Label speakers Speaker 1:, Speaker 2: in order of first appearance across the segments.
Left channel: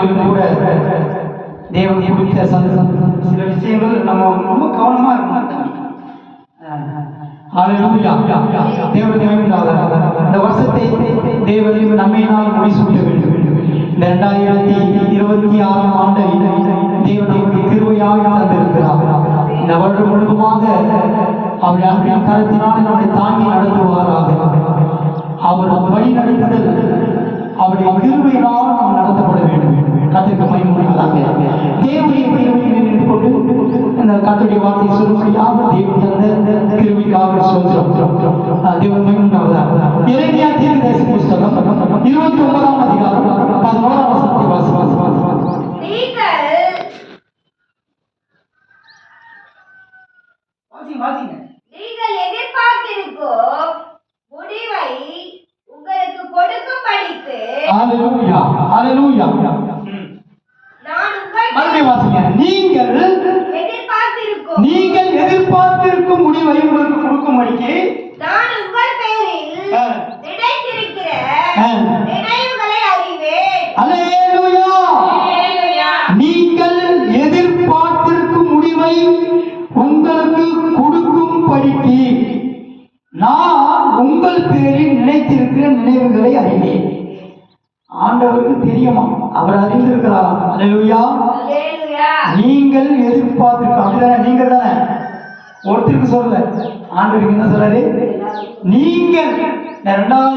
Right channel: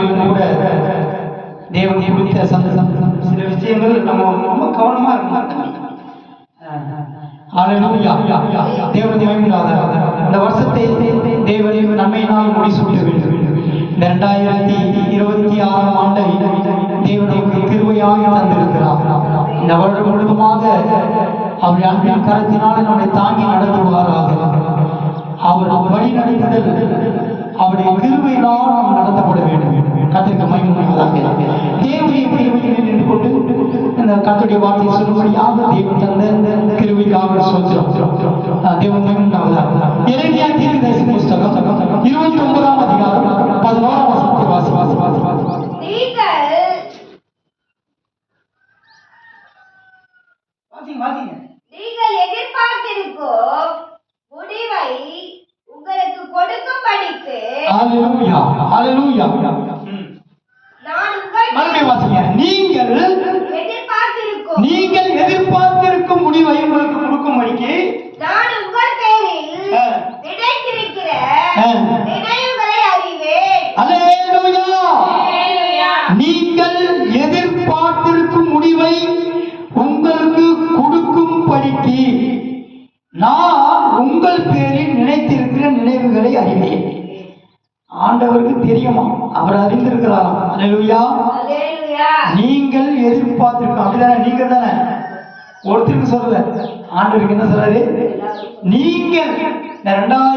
Speaker 1: ஆகியவற்றை கூட வருஷத்தை தேவன் இந்த ரெண்டாயிரத்தி இருபத்தி ஆறாம் ஆண்டை தேவன் நமக்கு கிருவையாக தந்திருக்கிறார். இந்த அவர் அன்பின் கருத்தினால் நம்மை தாங்கி நடத்துவாராக. அவர் வழி நடத்துதல் அவருடைய கிருபையினால் நாம் நடத்தப்பட வேண்டும். கத்திற்கு மயமுடிவதாக தேவையை பெறுகிறேன் என்று கொண்டு இந்த கத்துடைய வார்த்தை சொல்லும்படியாக தேவன் தந்த கிருபிக்காக சொல்கிறோம் தேவன் மயமுண்டாவதாக இறைமையா தீர்க்க தேச புஸ்தகம் இருபத்தி ஒன்பதாம் அதிகாரம் பதினோராம்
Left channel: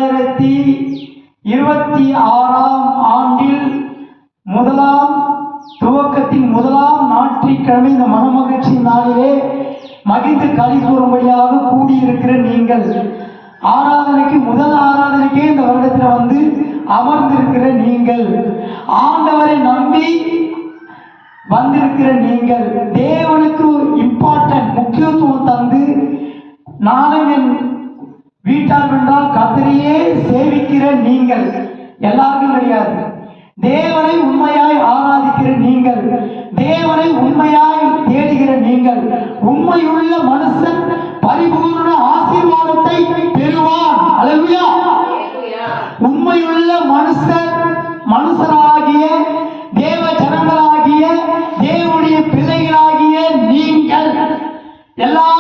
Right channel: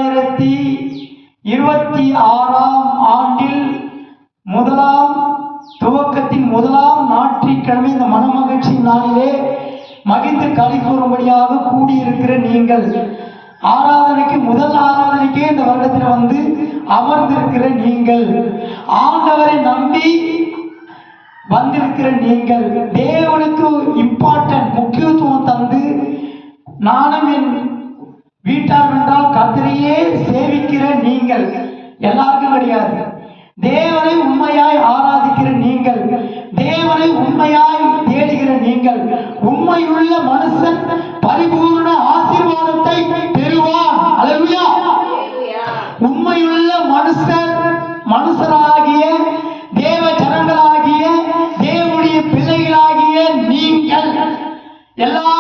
Speaker 1: இரண்டாயிரத்தி இருபத்தி ஆறாம் ஆண்டில் முதலாம் துவக்கத்தின் முதலாம் ஞாயிற்றுக்கிழமை இந்த மனமகிழ்ச்சி நாளிலே மகிழ்ந்து களி கூறும்படியாக கூடியிருக்கிற நீங்கள் ஆராதனைக்கு முதல் ஆராதனைக்கே இந்த வருடத்தில் வந்து அமர்ந்திருக்கிற நீங்கள் ஆண்டவரை நம்பி வந்திருக்கிற நீங்கள் எல்லா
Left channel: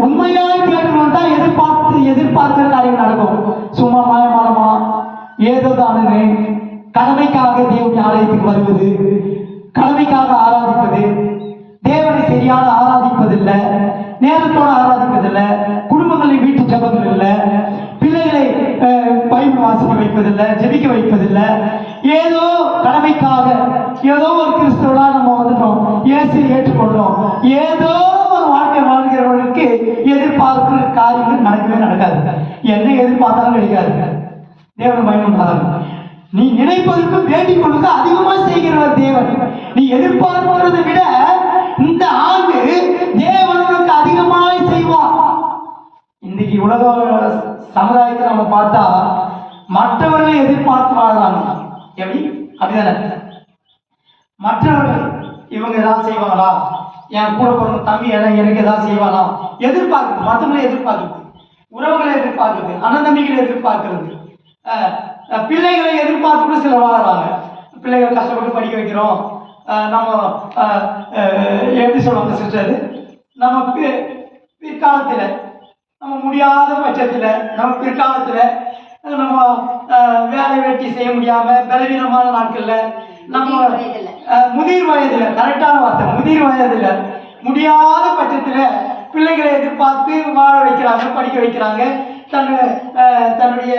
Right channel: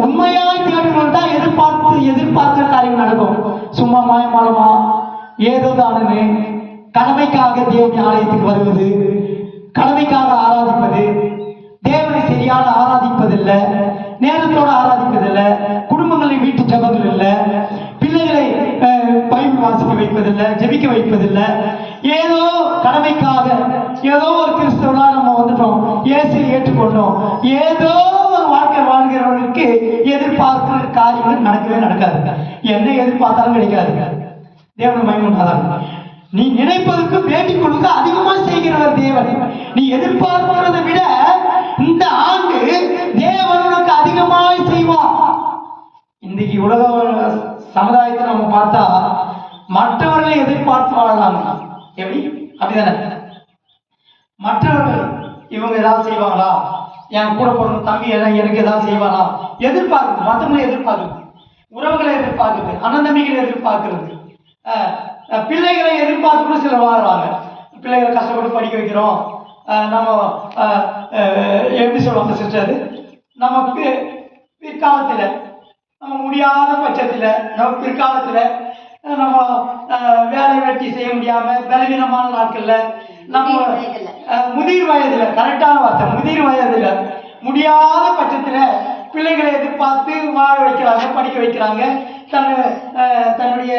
Speaker 1: உண்மையாய் தேடுங்கள் தான் எதிர்பார்த்து எதிர்பார்க்கிற காரியம் நடக்கும். சும்மா மாயமாலமா ஏதோ தானே கடமைக்காக தேவனுடைய ஆலயத்துக்கு வருவது கடமைக்காக ஆராதிப்பது தேவனை சரியாக ஆராதிப்பதில்லை நேரத்தோட ஆராதிப்பதில்லை குடும்பங்களை வீட்டு ஜபங்கள் இல்லை பிள்ளைகளை அஹ், பைபிள் வாசிக்க வைப்பதில்லை ஜெபிக்க வைப்பதில்லை. ஏதோ கடமைக்காக ஏதோ ஒரு கிறிஸ்துவனா நம்ம வந்துட்டோம். இயேசு ஏற்றுக்கொண்டோம். ஏ ஒரு வாழ்க்கை வாழ்கிறவர்களுக்கு எதிர்பார்க்கிற காரியங்கள் நடக்கவே நடக்காது என்ன எதிர்பார்த்தாலும் கிடைக்காது. தேவனை பயன்படுத்தாங்க நீ நினைப்பதற்கு வேண்டிக் கொள்வது அதிகமா செய்கிறவர் தேவன். நீ எதிர்பார்க்கிறதை விட இந்த ஆண்டு தேவன் உனக்கு அதிகமாய் செய்வார். இன்னைக்கு உலக சமுதாயத்தை நம்ம பார்த்தா மற்றவர்களை எதிர்பார்த்து வாழலாம். எப்படி? அப்படிதானே? மற்றவர்கள் இவங்க ஏதாவது செய்வாங்களா? என் கூட பிறந்த தம்பி எல்லாம் எனக்கு ஏதாவது செய்வானா எதிர்பார்க்குது மற்றவங்களை எதிர்பார்க்குது உறவுகளை எதிர்பார்க்குது அண்ணன் தம்பிகளை எதிர்பார்க்கிறது. பிள்ளைகளை எதிர்பார்த்து கூட சிலர் வாழறாங்க பிள்ளைகளை கஷ்டப்பட்டு படிக்க வைக்கிறோம். நம்ம எப்படி சொல்லுவாங்க சிஸ்டர் நம்ம பிற்காலத்தில் நம்ம முடியாத பட்சத்தில் நம்ம பிற்காலத்தில் நம்ம வேலை வெட்டி செய்ய முடியாமல் பலவீனமான நாட்களில் நம்ம
Speaker 2: முதிர் வயதில்.
Speaker 1: கரெக்டான வார்த்தை முதிர் வயதில் முடியாத பட்சத்தில் பிள்ளைகளை எதிர்பார்த்து வாழ வைக்கிறாங்க படிக்க வைக்கிறாங்க. தன் தன்னுடைய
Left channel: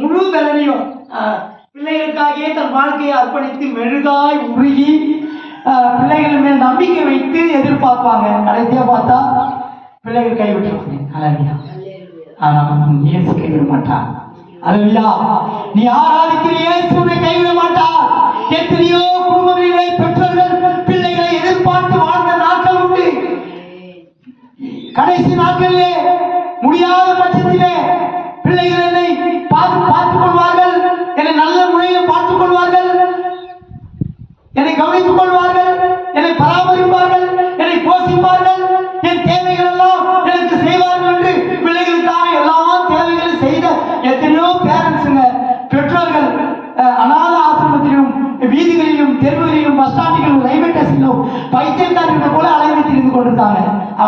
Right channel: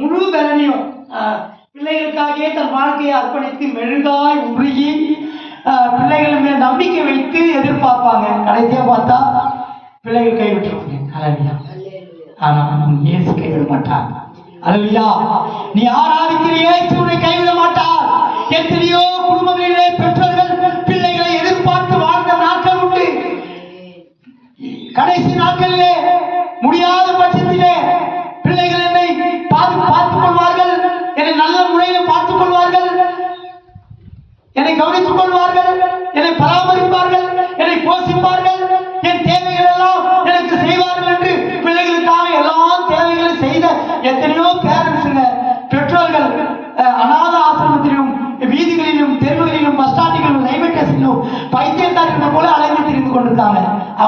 Speaker 1: முழு பலனையும் பிள்ளைகளுக்காகவே தன் வாழ்க்கையை அர்ப்பணித்து மெழுகாய் உருகி பிள்ளைகள் மேல் நம்பிக்கை வைத்து எதிர்பார்ப்பாங்க. கடைசியாக பார்த்தா பிள்ளைகள் கைவிட்டுருவாங்க அழகியா நம் இயேசு கைவிட மாட்டார் அல்லையா நீ ஆராதிக்கிற இயேசு கைவிட மாட்டார் எத்தனையோ குடும்பங்களிலே கடைசி நாட்களிலே முடியாத பட்சத்திலே பிள்ளைகளை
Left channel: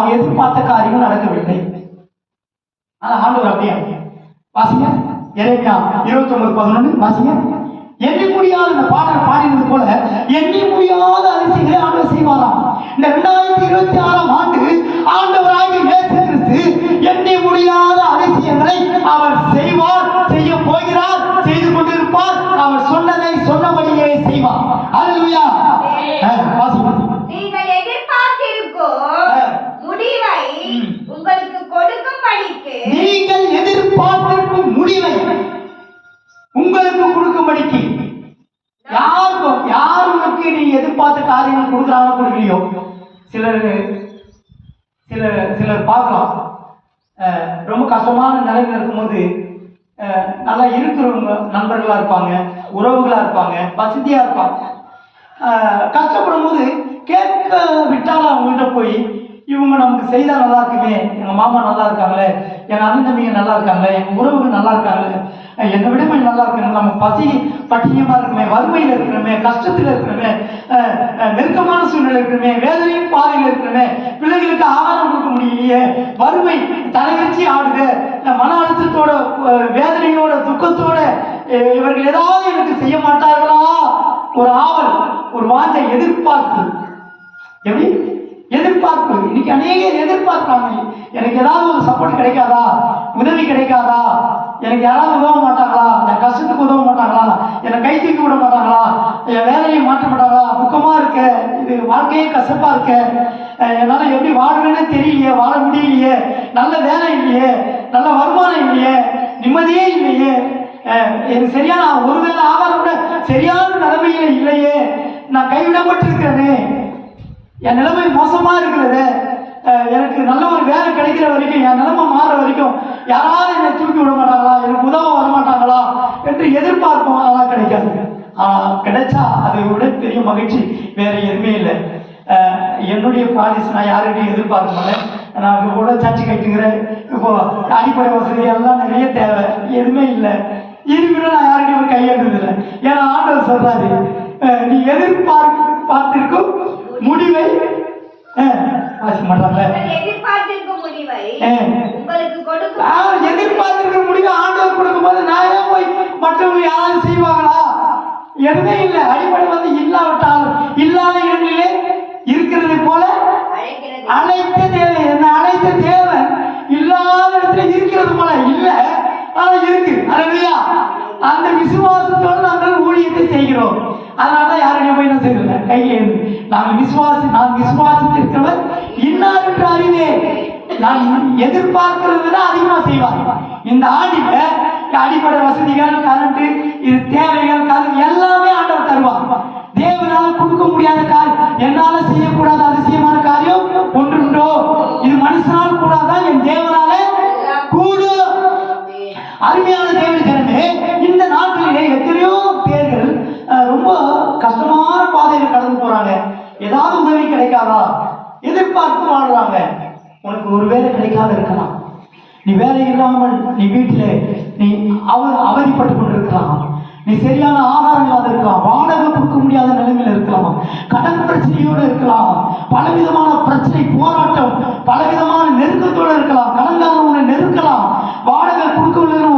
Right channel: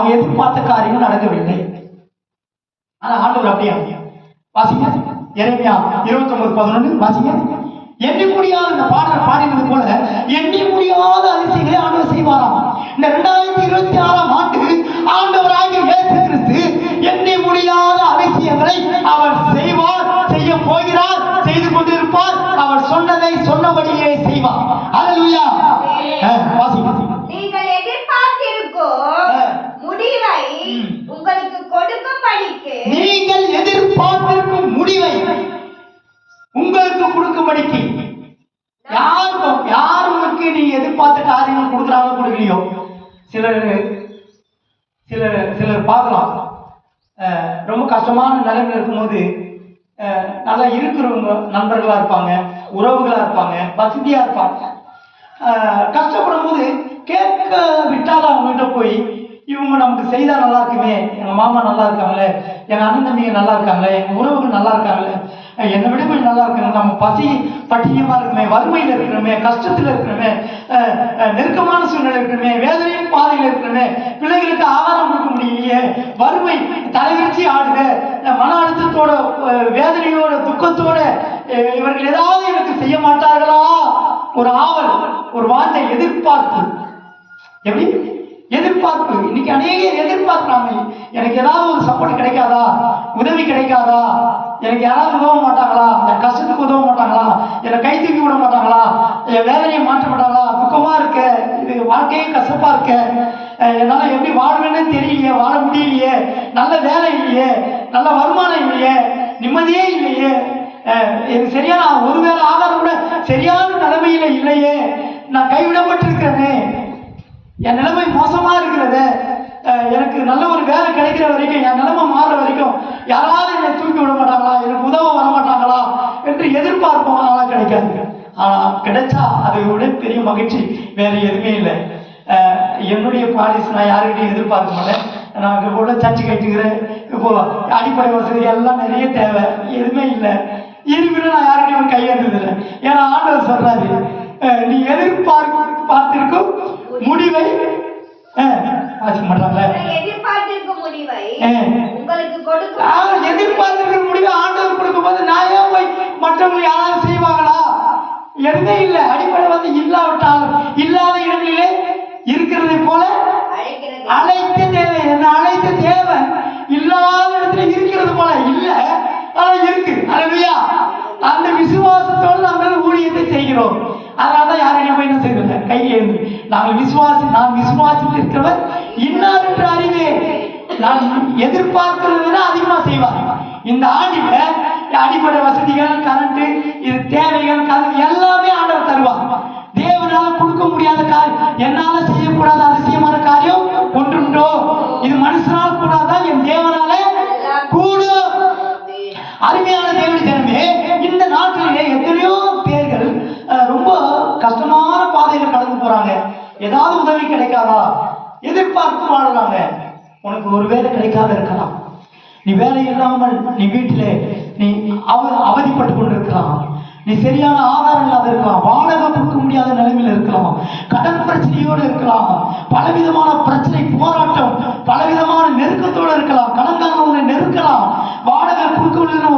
Speaker 1: அவங்க எதிர்பார்த்த காரியங்கள் நடக்கவில்லை. ஆனா ஆண்டவர் அப்படியே வாசிங்க. எரேமியா இருபத்தி ஒன்பது பதினொன்று வாசிங்க. எண்ண முடியாத அந்த பாடல் பாடினது போல நல்லா இருக்கிறவங்க நண்பர்களா இருப்பாங்க உறவுகளா இருப்பாங்க வசதியா இருப்பாங்க. கஷ்டப்படும் போது கேட்க விட்டாலும் அவங்ககிட்ட போய் இவங்க நமக்கு செய்தா நல்லா இருக்குமே எங்க மாமா நல்லா இருக்காங்களே எங்க அண்ணன் தம்பிங்க நல்லா இருக்காங்களே எங்கள் உறவுகள் நல்லா இருக்காங்களே என்னை விட கொஞ்சம் நல்லா இருக்கணும். நம்ம பசி பட்டியமா இருக்கிறோமே வறுமையில் இருக்கிறோமே கஷ்டத்துல இருக்கிறோமே அஹ் நெருக்கமான சூழ்நிலை இருக்கிறோமே வேதனையும் பாதையில் இருக்கிறோமே பிள்ளைகளுக்கு ஆகாரம் கொடுக்க முடியலையே வறுமை தலைவிரிச்சி ஆடுது மன அழுத்தத்தோட வேதனையோட துக்கத்தோட இவர்கள் ஏதாவது எனக்கு செய்ய மாட்டார்களா? ஒரு ஆவல் ஒரு வார்த்தை எதிர்பார்ப்பு. எப்படி? எதிர்பார்ப்பு. இன்னைக்கு அநேகர் எதிர்பார்க்கிறாங்க எனக்கு ஏதாவது ஒரு கிடைக்காதா? உதவி கிடைக்காதா? எனக்கு யாராவது உதவ மாட்டாங்களா? என் கஷ்டத்துக்கு உதவ மாட்டாங்களா? என்னை கை தூக்கி விட மாட்டாங்களா? என் வேலையை மாற்ற மாட்டாங்களா? துக்கமா இருக்க? இது வாழ்க்கையே கசப்பா இருக்க? என்னால் என்னால எப்படி வாழ்வேன்னு தெரியலையே வாழ முடியலையே? நல்ல வேலை இல்லையே? நல்ல வருமானம் இல்லையே? நிம்மதியே இல்லையே? எனக்கு சரியான ஒருவேளை ஆகாரம் கூட சரியான நிலைமையில இல்லையே. நான் கைவிடப்பட்டிருக்கிறேனே. என் நிலைமை மோசமா இருக்கிறது. எனக்கு நல்ல ஒரு வேலை கிடைக்கிற வரைக்கும் என் நிலைமை மாறுற வரைக்கும் யாராவது என்னை தூக்கி விட மாட்டாங்களா? எனக்கு உதவ வர மாட்டாங்களா? என்று எதிர்பார்ப்போம் ஆனால் கிடைக்காது. ஆனால் கிடைச்சா அதை விட பெரிய மகிழ்ச்சி வேற எதுவுமே இல்லை. என்னுடைய பாலிசி நான் யாருக்கிட்டையும் எதிர்பார்க்க மாட்டேன் நான் இது கூட சர்ச்சை கட்டுகிறேன் இப்போ அடிப்படை வசதி எல்லாம் நிறைய தேவை. எதுவுமே இல்லை. இருக்கிற நான் யாருக்கிட்டையும் கையெழுந்ததில்லை ஏன்னா ஆண்டவர் சொல்றாரு நீ எதிர்பார்க்க பார்த்திருக்கும் முடிவை மாட்டாங்களே.
Speaker 2: நீங்கள் எதிர்பார்த்திருக்கும் முடிவை. உங்களுக்கு கொடுக்கும்.
Speaker 1: நான் எதிர்பார்த்திருக்கிற முடிவு ஆண்டவர் கொடுக்கும்போது நான் ஏன் போய் மற்றவங்க யாராவது செய்வாங்களா? எதுவுமே இல்லை. அடிப்படை வந்து இல்லாவிட்டாலும் இல்லாத இடங்களிலே இருக்கிறதை போல அழைத்த தேவை என்ன அழைத்த தேவை இல்லாத இடத்துல இருக்கிறது போல இல்ல. ஆனா இருக்கு. அழகையா அந்த விசுவாசத்தோடு நாங்கள் ஊழியத்தை செய்கிறோம். அதனால தான் யாரையும் போய் என்ன செய்யறது? கையில் இருந்து நாங்கள் விசுவாசி நான் விசுவாசித்திருக்கிறவர் இன்னார் என்று அறிவே நான் எதிர்பார்க்கிறத விட அதிகமா செய்வார் இந்த ஆண்டில அடிப்படை வசதிகள் கரண்ட் இது தேவைகள் கரண்ட் எல்லாமே ஆண்டவர் தருவார். தேவனால் கொடுக்க முடியாத காரியம். என்னால செய்யக்கூடாத அதிசயமா உனக்கு ஒரு வேலை கிடைக்காத இருக்கலாம். நீ வேலை இல்லாமல் நீ வீட்டிலே நீ அவ அவதிப்பட்டு கொண்டிருக்கலாம். நீ சரியான ஆதாரம் இல்லாத இருக்கலாம். வாடகை கொடுக்க முடியாத நிலைமையில இருக்கலாம். கடன் பிரச்சனையோடு இருக்கலாம். பலவிதமான பிரச்சனை போராட்டம் பலவிதமான நெருக்கத்தோடு இருக்கலாம் கடன்காரன் உன்னை நெருக்கலாம் வாடகை கொடுக்கவில்லைன்னு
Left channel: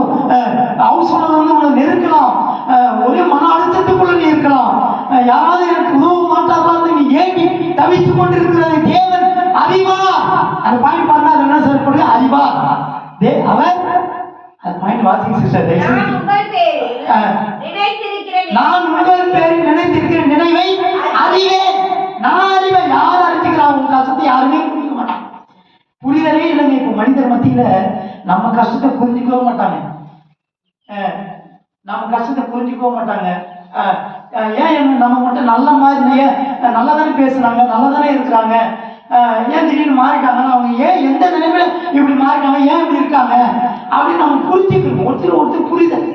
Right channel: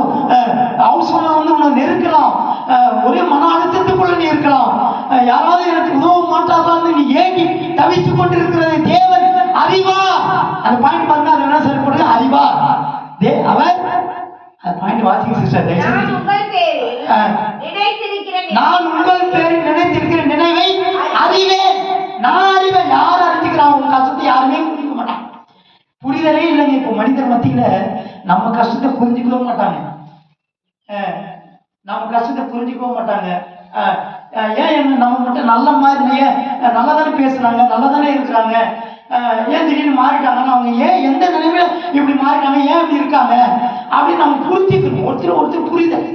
Speaker 1: ஹவுஸ் ஓனர் வந்து உன்னை நெருக்கலாம் அஹ், ஒரே மன அழுத்தத்துக்குள்ள நீ இருக்கலாம் அஹ், யாராவது எனக்கு உதவ மாட்டாதான்னு நீ ஏங்கி தவித்துக் கொண்டிருக்கிறது தேவன் அறிவா அந்த பாயிண்ட் பாருங்க அது என்ன சொல்லப்படுது அறிவா தே அவர் அந்த
Speaker 2: நான் உங்கள் பேரில். நினைத்திருக்கிற
Speaker 1: நினைவை அறிவேன் நான் அறிவேன் யார் அறிஞ்சுக்கிறான் உன் கஷ்டத்தை யாருமே புரிஞ்சுக்க மாட்டான் புரிதலே இல்லைங்க. இப்போ மனிதர் மத்தியில நம்ம கஷ்டத்தை புரிஞ்சுக்கவே மாட்டாங்க. நம்ம கஷ்டத்தை புரிஞ்சுக்கவே மாட்டாங்க. ஏன் நம்ம மட்டும் நல்ல மாதிரி ஏன் அஹ், நல்லா தானே பேசுறாங்க நல்லா தானே இருக்கிறாங்க. ஏன் திடீர்னு மாறிட்டாங்கன்னா அவங்க ஏன் எந்த நிலைமையில இப்படி மாறிட்டாங்க ஏன் இப்படி இருக்காங்க அப்படின்னு நம்ம புரிஞ்சுக்கணும் ஒருத்தர் ஒருத்தர் புரிதல்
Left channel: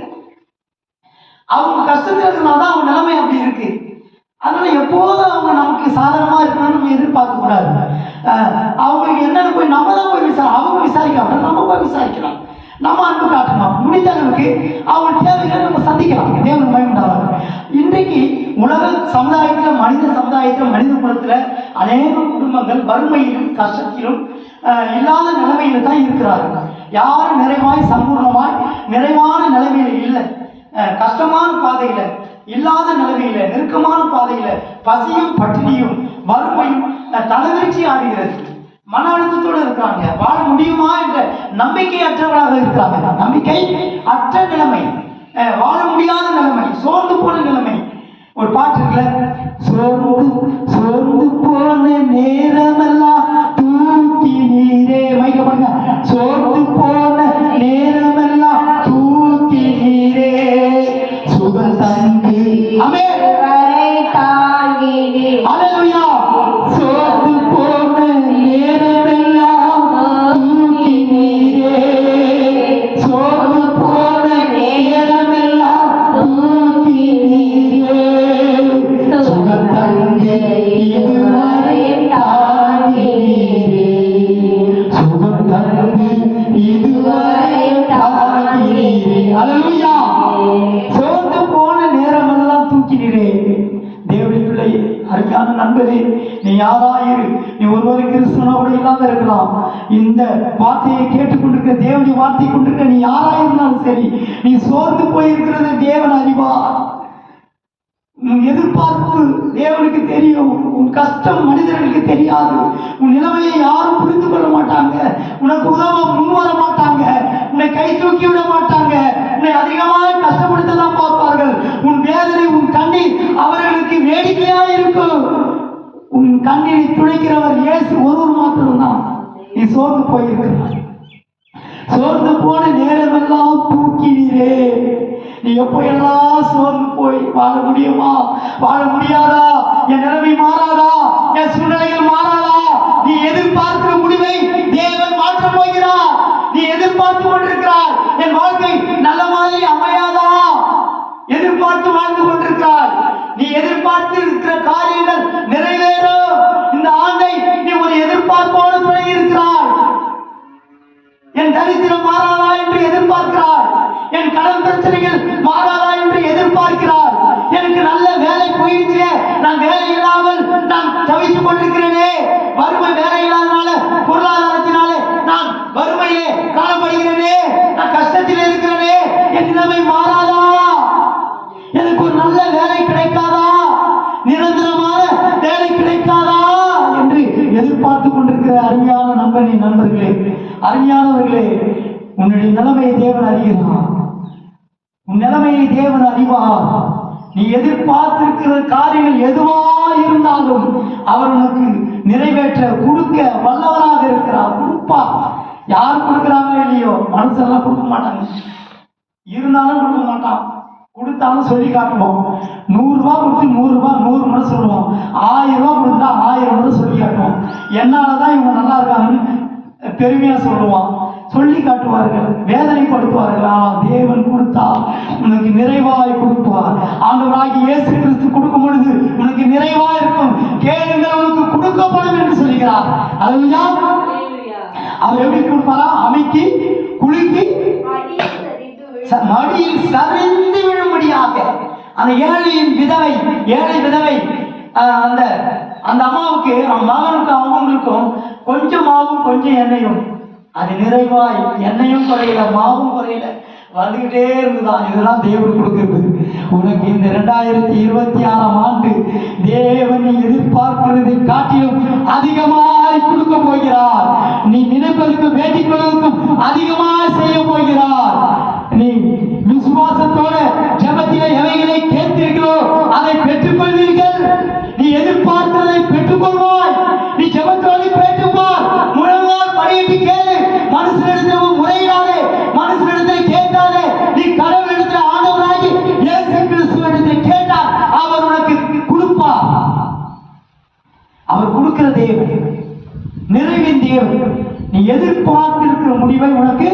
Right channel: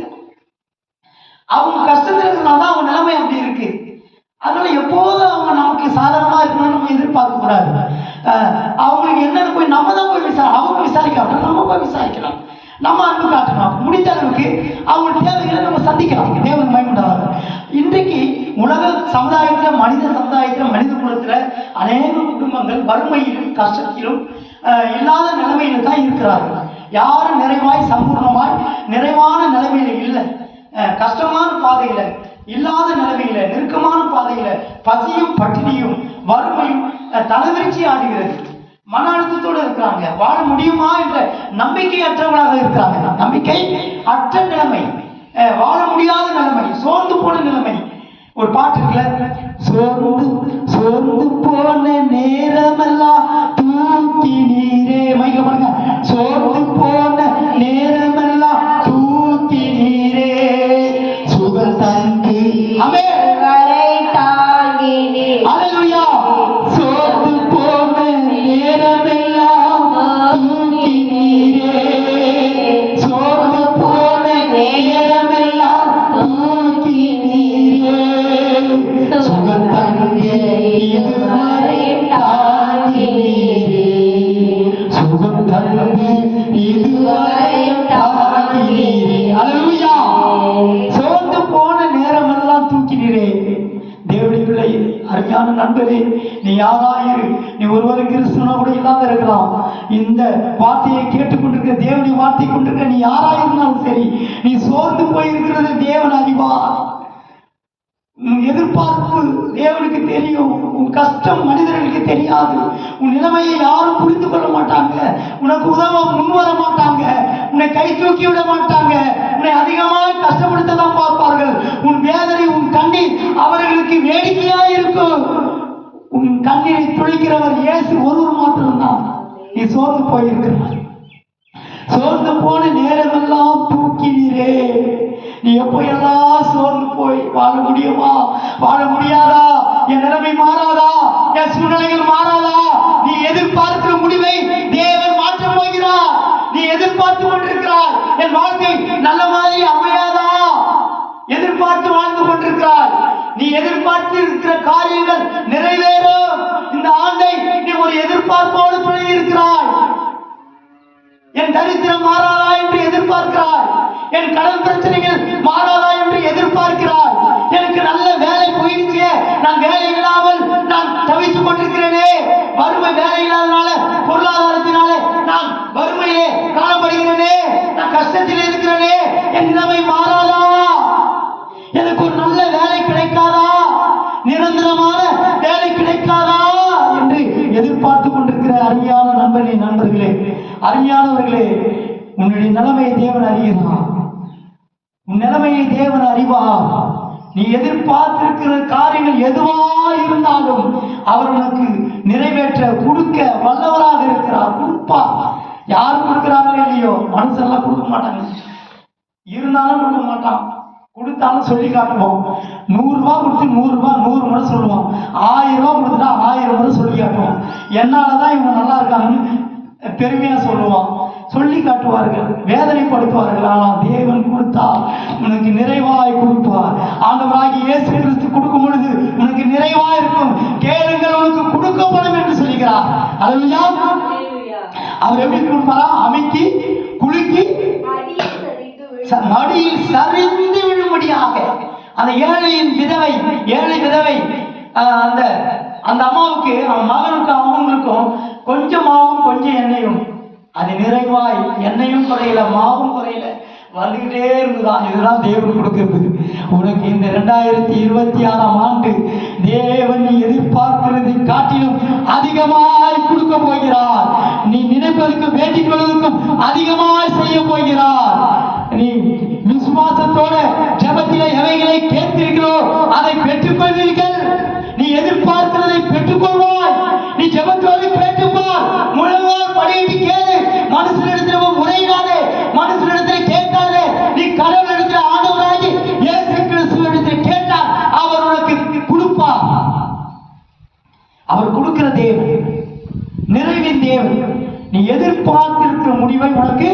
Speaker 1: அவங்க கஷ்டத்துல இருக்கிறனால தான் அவங்க நிலைமை அப்படி இருக்கு. அதனால எப்போதும் அவங்க நமக்கு சாதகமா இருக்கணும்னு நம்ம எதிர்பார்க்க கூடாது. அவங்களுக்கு என்னன்னு போய் நம்ம தான் போய் விசாரி அவங்க விசாரிக்காம நம்ம போய் விசாரிக்கலாம். நம்ம அன்பு காட்டணும். முடிந்த அளவுக்கு அவங்க தேவைகளை நம்ம சந்திக்கலாம் தேவன் பயமுண்டாவது இன்றைக்கு உலக சமுதாயத்துல மனித சமுதாயத்துல மனித அநேக குடும்பங்கள் வறுமையிலும் கஷ்டத்திலும் இல்லாத நிலைமையில தான் இருக்கிறார்கள். யாரும் நிறைவாய் சம்பூர்ணமாய் நிறைவான நிலைமையில இல்லை. கஷ்டமான பாதையில இல்லாத நிலைமையில நெருக்கமான பாதையில பசியும் பட்டினியும் வறுமையும் தலைவிரிச்சி ஆடுகிறது. மன அழுத்தத்தோடு இருக்கிறாங்க. வாழ முடியுமா என்ற நம்பிக்கை அற்றவர்களாக இருக்கிறாங்க. நம்பிக்கை அற்ற நிலைமை. வாழ முடியாத நிலைமை சோர்ந்து போன நிலைமை. ஒரு பாட்டு இருக்குல்ல? சோர்ந்து சோர்ந்து போன நேரமெல்லாம் அருமையான நண்பரே நீ யாராயிரு? நீ ஒருவரு கிறிஸ்துவனோட இல்லாத இருக்கலாம். இந்த வார்த்தையை கேட்டுக்கொண்டிருக்கிற தேவனை வார்த்தை கொண்டிருக்க நீ யாராயிருந்தாலும் சரி நீ சோர்ந்து போயிருக்கிறது தேவன் அறிவா? எதிர்பார்ப்பு தேவனுக்கு தெரியும் உன் கஷ்டம் மனிதர்களுக்கு தெரியாது. உன் நிலைமையை யாரும் புரிந்து கொள்ள மாட்டாங்க. உனக்கு உதவ முன் வர மாட்டாங்க. உன்னை கை தூக்கி விட மாட்டாங்க. உன்னை அதிகமாக கஷ்டம் தான் பார்ப்பார்கள் உன் வேதனை உன் கண்ணீர் அவர்களுக்கு வேடிக்கையாக இருக்கும் உன் கண்ணீரை துளைக்கிறவர் இயேசு ஒருவர் மாத்திரம்தான். நீ சோர்ந்து போயிருக்கிறார் சோர்ந்து போன நேரமெல்லாம் தூக்கினீரே. நீ எப்பயெல்லாம் சோர்ந்து போய் வாழ முடியுமா? வாழ முடியாதா? என் நிலைமை மாறாதா? என் சூழ்நிலைகள் மாறாதா நீ எதிர்பார்க்கிற முடிவை தேவன் மாற்றப் போகிறார் நீ எதிர்பார்த்து கொண்டிருக்கிறாய் என் வாழ்க்கை நல்ல மாதிரி அமையாதா எதிர்பார்த்து வாழ்ந்து கொண்டிருக்கிறாய் நீ எதிர்பார்த்து இருக்கிற காரியங்கள் நிறைவேறும் இந்த ஆண்டை நீ ஒரு எதிர்பார்ப்போடு தொடங்கி இருக்கிறாய் என் தரித்திரம் மாறாதா என்று எதிர்பார்க்கிறாய் என் கடன் பிரச்சனைகள் மாறாதா என்று எதிர்பார்க்கிறாய் எனக்கு நல்ல வேலை போயிடுச்சு நான் வேலை இல்லாமல் நான் தவித்துக் கொண்டிருக்கிறேனே வறுமை வேலை இல்லாத தேவனின் நண்பர்களே அருமையானவர்களே உன்னுடைய நிலைமையை தேவன் அறிகிறான் உன் நிலைமையை தேவன் அறிவார். நீ எதிர்பார்த்திருக்கிற காரியங்கள் எதுவா இருந்தாலும் அவர் உனக்கு நிறைவேற்ற கொடுக்க வல்லவராக இருக்கிறார். கொடுப்பா. யார் கொடுக்குறாங்களோ இல்லையோ மனுஷெல்லாம் கொடுக்க மாட்டாங்க. இருந்தாலும் கொடுக்க மாட்டான். கொடுத்தாலும் சொல்லி காட்டுவோம். நூறு ரூபாய் கொடுத்து நூறு பெருமையா சொல்லுவான். சொல்லி காட்டுவார்கள் வேதனைப்படுத்துவார்கள். ஆனால் தேவன் கொடுத்தால் உனக்கு நிறைவாய் கொடுப்பார். ஆண்டவராகி இயேசு கிறிஸ்து கொடுக்கும் பொழுது உனக்கு நிறைவாய் இருக்கும். கேளுங்கள் உனக்கு கொடுக்கப்படும் என்று சொல்கிறார். அதுயா அவர் எப்படி கொடுப்பாரா? அமைக்கி குலுக்கி மடியில் சரிந்து விழும்படியாக. அந்த ஏழையின் விதவை ஏழை விதவை அந்த அந்த அம்மாவுக்கு மகனுக்கும் அவங்களுக்கும் கொஞ்சம் மாவும் கொஞ்சம் எண்ணெயும் அது நிறைவாய் எண்ணெயும் குறையல மாவும் குறையல. வந்துகிட்டே இருந்துதான் இதுதான் தேவன் கொடுக்கிறது. உனக்கு இந்த ரெண்டாயிரத்தி இருபத்தி ஆறாம் ஆண்டு தேவன் நீ எதிர்பார்க்கிறதை காட்டிலும் எதிர்பார்த்திருக்கிற முடிவை உனக்கு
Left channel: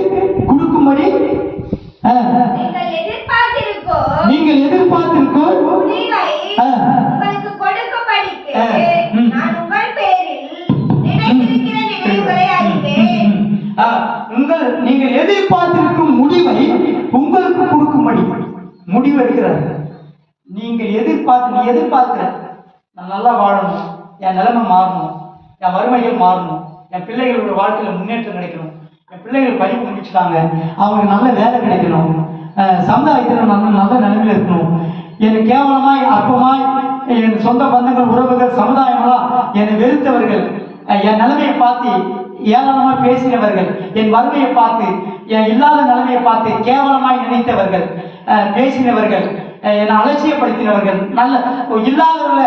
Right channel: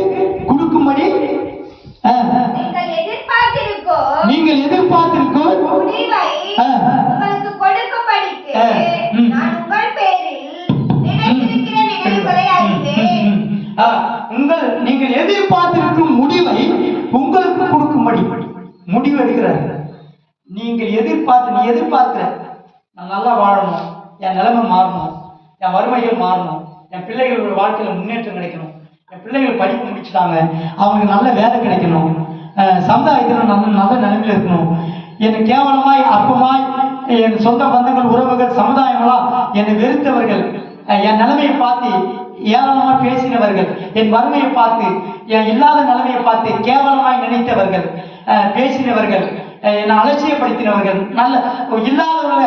Speaker 1: முடிச்சுட்டாங்க அவங்களுக்கு நல்ல வேலை கிடைக்கணும். அஹ் சமுதாயத்தில் நல்ல நல்ல நிலைமையில இருக்கணும். என்னை கேவலமாய் அற்பமாய் என் சொந்த பந்தங்கள் உறவுகள் சமுதாயங்களா என்னை வெறுத்தவர்கள். என் நிலைமையை பார்த்து ஏளனமா பேசினவர்கள். என் வறுமையை பார்த்து என் இல்லாத நிலைமையை பார்த்து கேவலமாய் நினைத்தவர்கள். அஹ் பேசினவர்கள். என்னை அலட்சியப்படுத்தினவர்கள். நல்ல இல்லாதவங்கள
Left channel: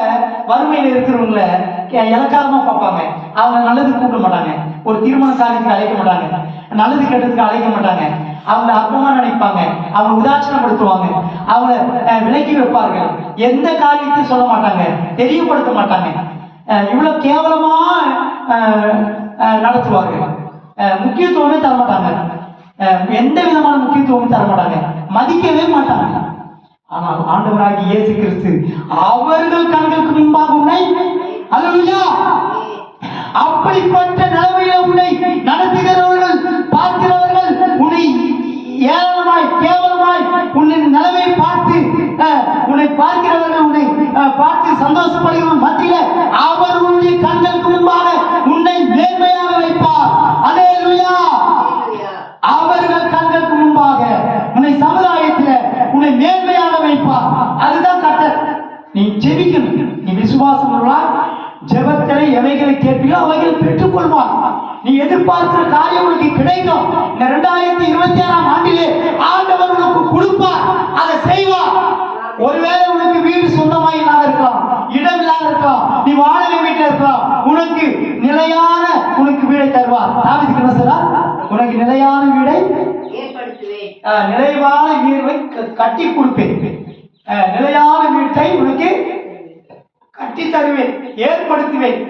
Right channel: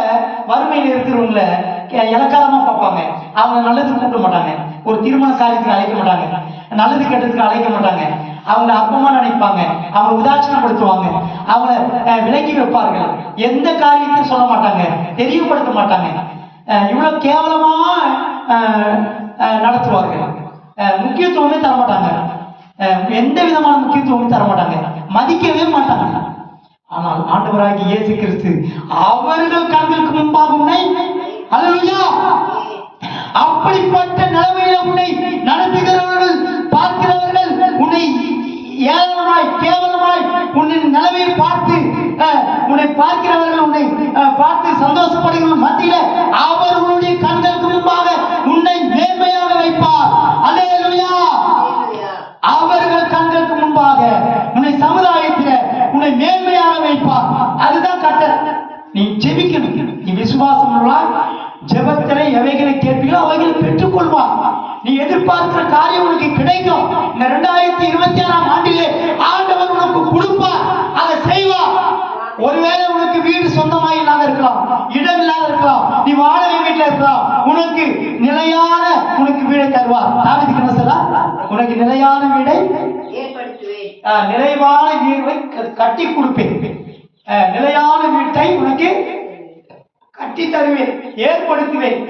Speaker 1: வறுமையில் இருக்கிறவங்கள இலக்காரமாக பார்ப்பாங்க. அவங்க நல்லது கூப்பிட மாட்டாங்க. ஒரு திருமண காரியத்துக்கு அழைக்க மாட்டாங்க. நல்லது கெட்டதுக்கு அழைக்க மாட்டாங்க. அவங்கள அற்பமா நினைப்பாங்க. அவங்க உதாசீனப்படுத்துவாங்க. அவங்கள விலக்கி வைப்பார்கள். எந்த காரியத்தையும் சொல்ல மாட்டாங்க. தெரியப்படுத்த மாட்டாங்க. இவ்வளவு கேவலமா நடத்துவார்கள். முக்கியத்துவமே தர மாட்டாங்க. எந்த விதமான முக்கியத்துவமும் தர மாட்டாங்க. மதிக்கவே மாட்டாங்க. ஆனால் ஆண்டவராகிய இயேசு கிறிஸ்து அவர்கள் கண்களுக்கு முன்பாக உன்னை அப்படிப்பட்ட நிலைமையில உன்னை நடத்துகிறவர்கள் பார்க்கிறவர்கள் உன்னை ஏளனமாய் கேவலமாய் உன்னின் நிலைமையை பார்த்து அஹ், உன்னை பார்க்கிறவர்கள் உன்னை அஹ், பார்த்து சந்தோஷப்படுகிற மத்தியில அவர்களுடைய கண்களுக்கு முன்பாக உன்னை மேன்மையாக வைப்பார் அல்லேலூயா அவர்கள் கண்களுக்கு முன்பாக உன்னை சமுதாயத்தில் உன்னை மேன்மையாக வைப்பார் அதுதான் கட்டர் நீ ஜெபிக்கணும் நீ விசுவாசம் உள்ளவளாய் ஜெபத்திலே எவைகளை கேட்பீங்களோ அவைகளை பெற்றுக்கொள்வார் நீ எதிர்பார்க்கிற காரியம் உனக்கு கிடைக்கும். இந்த ரெண்டாயிரத்தி இருபத்தி ஆறாம் ஆண்டிலே ஆண்டவர் உனக்கு கொடுப்பார். அதை செய்வார். ஒருவேளை உனக்கு வீடு சொந்தமா இல்லாத இருக்கலாம். இடம் இல்லாத இருக்கலாம். நீ வாடகை வீட்டில் இருக்கலாம். உனக்கு நிலையான உனக்கு வீடை தருவார். தாவிதுக்கு என்ன சொல்றா? உனக்கு நிலையான வீடை வீடை க- கட்டி கொடுப்பேன் ஆஹ், நிலையான வீட்டை உனக்கு கட்டி தருவேன் ஏற்படுத்துவேன்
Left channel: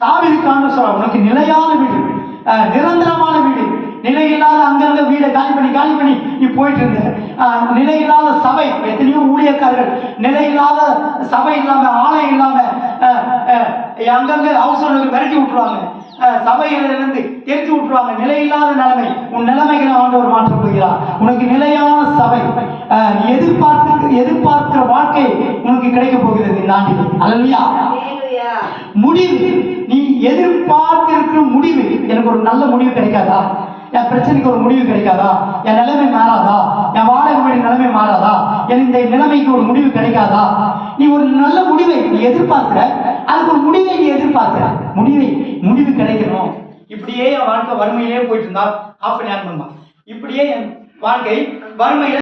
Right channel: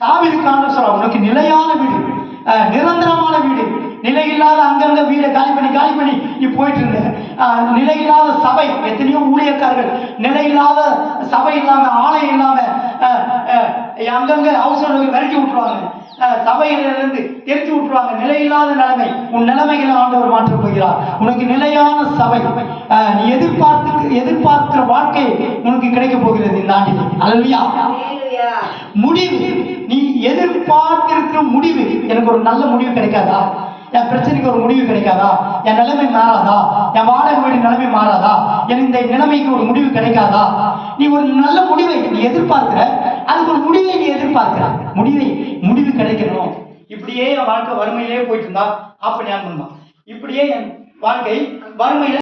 Speaker 1: தாவிதுக்கான சொல்ல உனக்கு நிலையான வீடு ஆஹ், நிரந்தரமான வீடு நிலையில்லாத அங்கங்க வீடை காலி பண்ணி காலி பண்ணி நீ போயிட்டு இருந்த ஆஹ், நிலையில்லாத சபை எத்தனையோ ஊழியக்காரர்கள் நிலையில்லாத சபை இல்லாம ஆலயம் இல்லாம அங்கங்க ஓனருக்கு விரட்டி விட்டுருவாங்க. சபையிலிருந்து தெரிச்சு விட்டுருவாங்க. நிலையில்லாத நிலைமை உன் நிலைமைகளை ஆண்டவர் மாற்றப் போகிறார் உனக்கு நிலையான சபை நீ எதிர்பார்த்து எதிர்பார்க்கிற வாழ்க்கை உனக்கு கிடைக்க போகிறது இந்த அல்லையா
Speaker 2: ஹalleluya
Speaker 1: முடிவு. நீ எதிர்பார்த்திருக்கிற முடிவு. எனக்கு ஒரு நல்ல முடிவு கிடைக்காதா? என் பிரச்சனைக்கு ஒரு முடிவு கிடைக்காதா? என் நிலைமை மாறாதா? என் வாடகை வீடு நிலைமை மாறாதா? என் இந்த நிலைமைக்கு ஒரு முடிவு கிடைக்காதா? நீ ஒரு நல்ல முடிவை நீ எதிர்பார்க்கிற அதுக்கு ஒரு முடிவை நீ எதிர்பார்க்கிற. முடிவை முடிவு கிடைக்கணும். இப்படியே என் வாழ்க்கை வறுமையிலே போயிட்டு இருந்தா அப்ப ஞாபகம் பண்ணுவான் இப்படியே என் வாழ்க்கை வறுமையில